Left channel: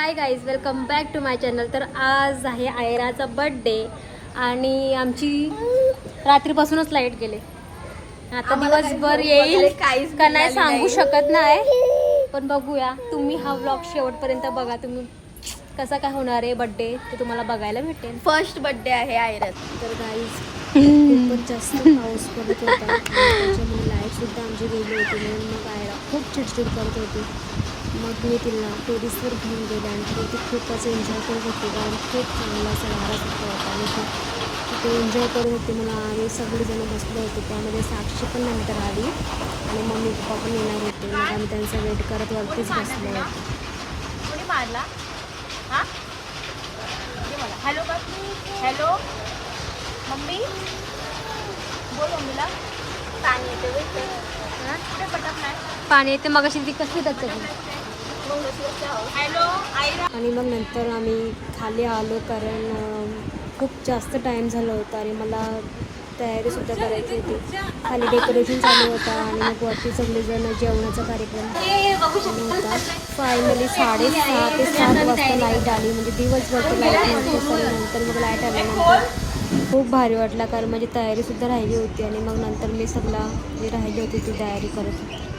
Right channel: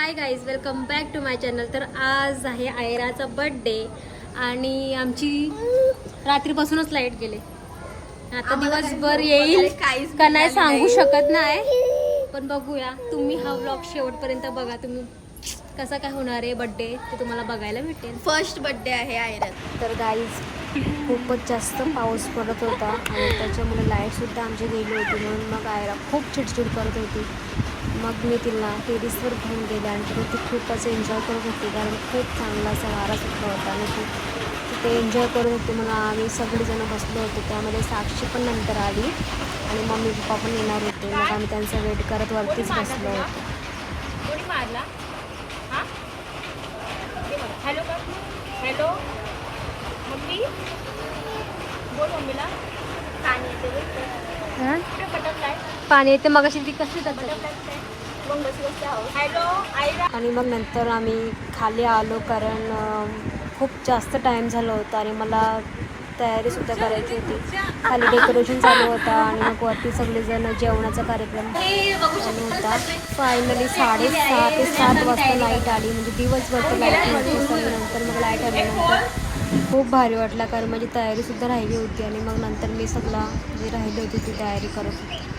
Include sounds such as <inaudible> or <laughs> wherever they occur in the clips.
Hi guys welcome back to my channel तर आज आहे आयराचा बर्थडे आणि आमची रात्रीपासूनच लाइट गेले. आता दिवसभर येईल. काहीच का नाही सांगू. शकत नाही. पण बघूया तुम्ही हा व्लॉग शेवटपर्यंत बघा. तुम्ही कसा काय होणार आहे बर्थडे ते तुम्हाला बघायला भेटेल. फर्स्ट बर्थडे आहे आयरत तर गाईज <laughs> खूपच जास्त पाऊस पडत होता आणि त्याच्यामुळे लाइट सुद्धा आमची गेली होती म्हणून मग आयरा खूप चिडचिड करत होती. मग मी तिला टेरिसवर घेऊन गेले आणि तिथे ती खूपच एन्जॉय करत होती. कारण खूप चांगला असा वारा सुटला होता आणि ती तिथे एन्जॉय करत होती म्हणून आम्ही सगळेजण बसलो होतो. त्यामध्ये साक्षी पण नंतर आली आणि मम्मी पप्पा पण येणार होते. मग आम्ही त्यांचा वेट करत वरतीच बसलो होतो. कोणी मारला? Hello hello? मम्मी? बोल मम्मीला. पाणी येते. मग अशी ती आईला आणि मग नंतर आम्ही खाली आलो कारण खूप जास्त टाईम झाला होता आणि मला तयारीसुद्धा करायची होती. खाली डेकोरेशन चालू होता आणि मग वरती सगळेजण जेवणाचा कार्यक्रम चालू होता. फायनली साडेसहा ते सात वाजता लाइट आली. म्हणजे दिवसभर तर लाइट नव्हती पण नंतर मग लाइट आल्यानंतर खूप भारी वाटला कारण माझी तयारीसुद्धा राहिली होती आणि मग नंतर मी सगळा जी राहिली होती ती तयारी करत होती.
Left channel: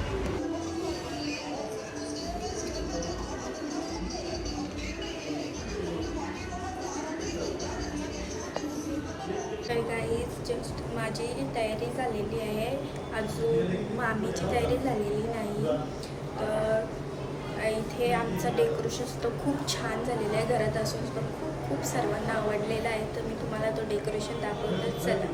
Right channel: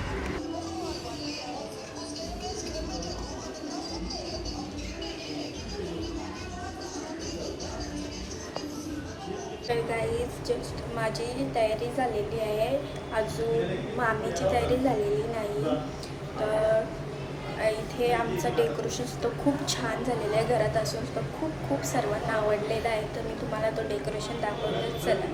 जस्ट माझी तयारी झालेली आहे. अजून मामीची तयारी झालेली नाही. तर इथे आमचं डेकोरेशन सुद्धा खूप छान झालेलं आहे. घरात असून सुद्धा खूप खूप सर्वांना आवडलेलं आहे. तर मी तुम्हाला तो डेकोरेशन दाखवतच चला.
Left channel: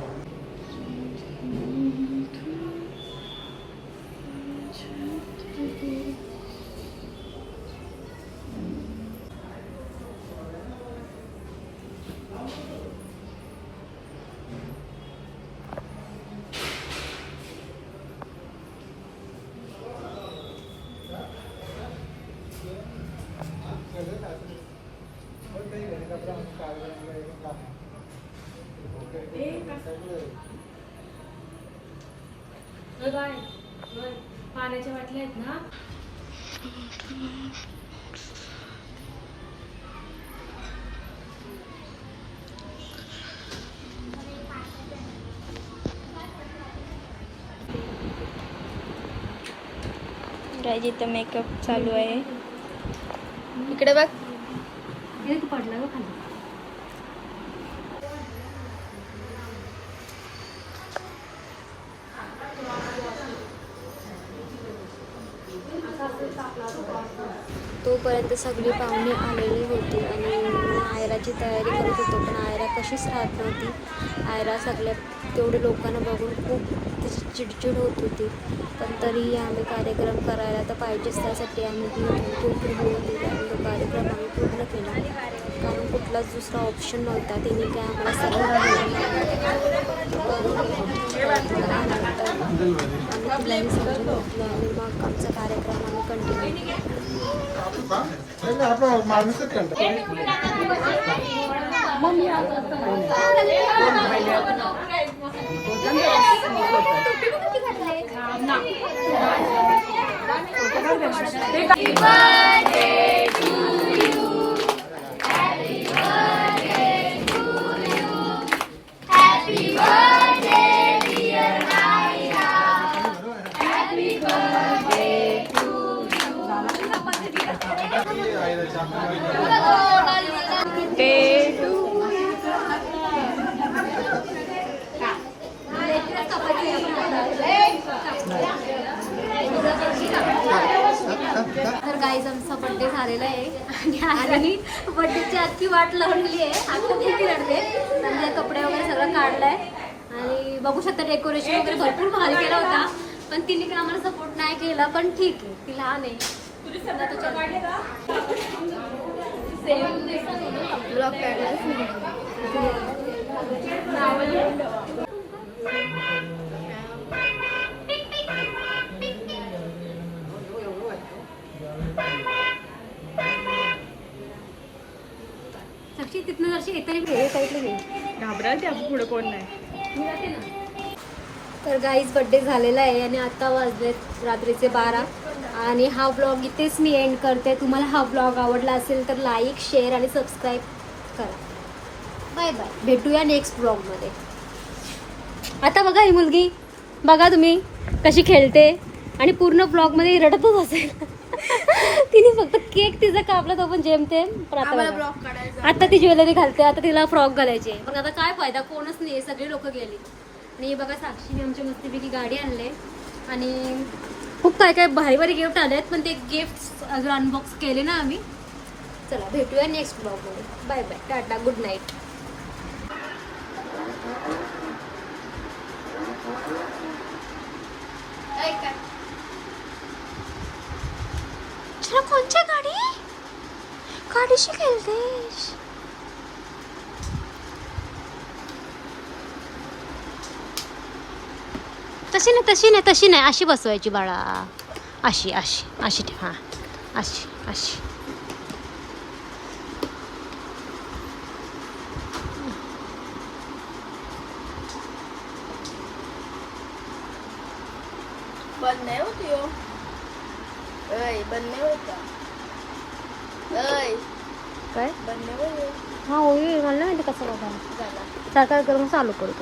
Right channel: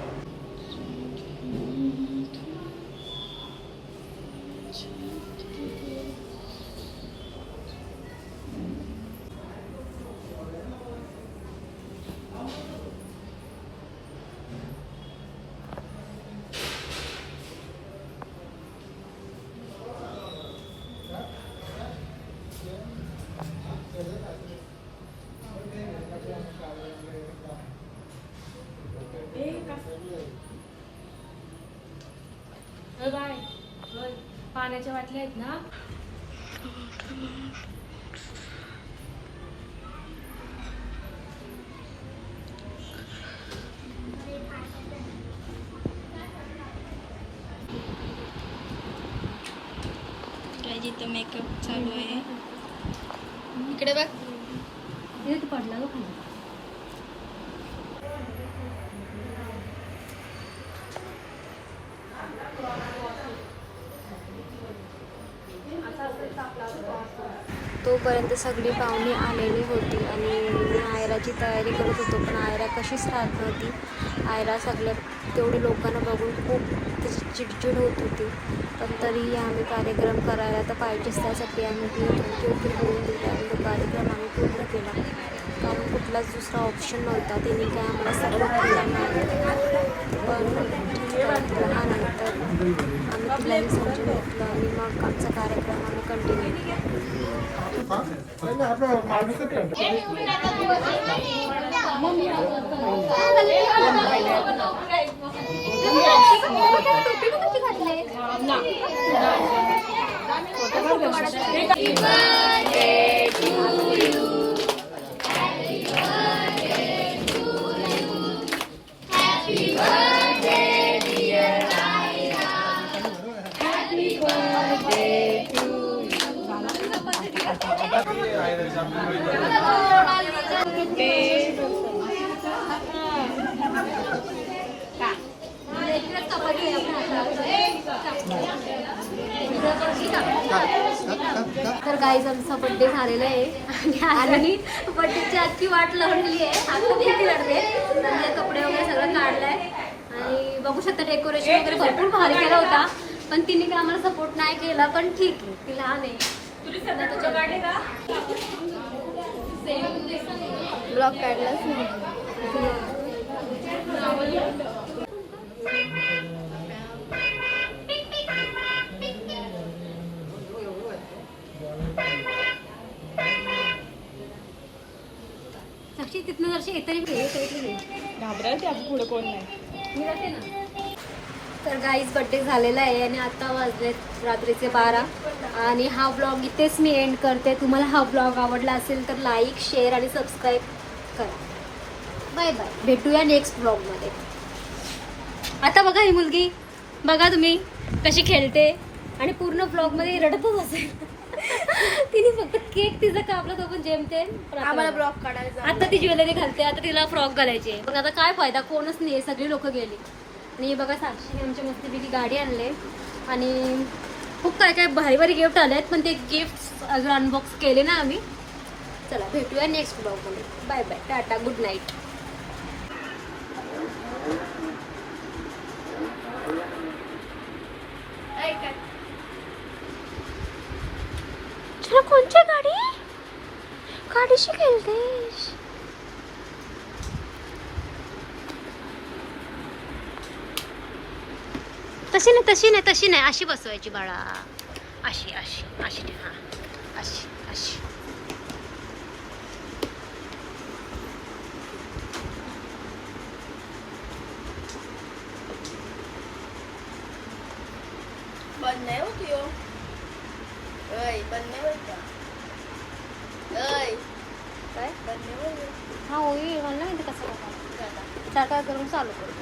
पाण्याच्या वाटल्या आहेत ना? काय जिथं मेकअप चालू आहे. इकडे बघ. पडला ग खाली. तोपर्यंत सगळी पाहुणी आलेली होती आणि मी आयराची तयारी करत होतो पण आयरा कशीच राहत नव्हती. आयरा सगळ्या तेवढे लोकांना बघून खूप तिची चिडचिड होत होती. पण तरीही आम्ही कार्यक्रम करायला तर पाहिजेच त्यासाठी आम्ही ती चिडचिड होऊन दिला आणि तो कार्यक्रम आम्ही पूर्ण केला. कारण कुठलाच दुसरा ऑप्शन नव्हता तिने काय आम्हाला सपोर्ट केला नाही. पण लहान आम्ही तिलाही समजून घेतलं आणि मग आमचा कार्यक्रम आम्ही कंटिन्यू केला. Happy birthday. तर गाईज आमचा बड्डे झालेला आहे. आणि आजही बड्डेची आजची वाट लावलेली आहे. आता खूप रडले चांगले कपडे वगैरे सगळं काढलंय. आणि बघू शकता डेकोरेशन वगैरे भरपूर भारी केला होता. पण तिने काय आम्हाला सपोर्ट नाही केला पण ठीक आहे. ती लहान आहे. ब्लॉग काढला साक्षी तिथनं जरशी येतरी घे साईडला घे घाबरायचे आपण पुढे कोण नाही. तर गाईज बड्डे झालेला आहे आणि आता वाजलेत रात्रीचे बारा. आणि हा ब्लॉग इथेच मी एंड करते. तुम्हाला हा ब्लॉग आवडला असेल तर लाईक शेअर आणि सबस्क्राईब करा. Bye bye. भेटूया नेक्स्ट ब्लॉगमध्ये आता बघा ही मुलगी. बघा तुम्ही कशी खेळते. आणि पूर्ण ब्लॉगमध्ये रडतच असेल. <laughs> तिने फक्त केक तिचा कापला तो पण जेमतेम. पण आता ती ज्वेलरी घालते आता तिला फ्रॉक घालायचे पण आता काय फायदा? कोणच नाही सगळी लोक गेली. आणि बघा साक्षीने आमच्या मस्तपैकी गाडी आणले. आणि खूप काय काय भारी भारी गिफ्ट आले आहेत पण ते गिफ्ट अजून अनबॉक्स केले ना आम्ही. चला भेटूया नेक्स्ट ब्लॉगमध्ये bye bye tata good night चला कोणची गाडी? गाडीशी खेळतेस. तशी नाही तशी नाही तशी नाही. अशी बसवायची बाळा. अशी अशी अशी हां. अशी अशी. बंद नाही होती हो ऐ बंद नाही होत का? ऐ काय बंद नाही होत हां होईल मला नाही माहिती कसं बघा साखर करून चालू करू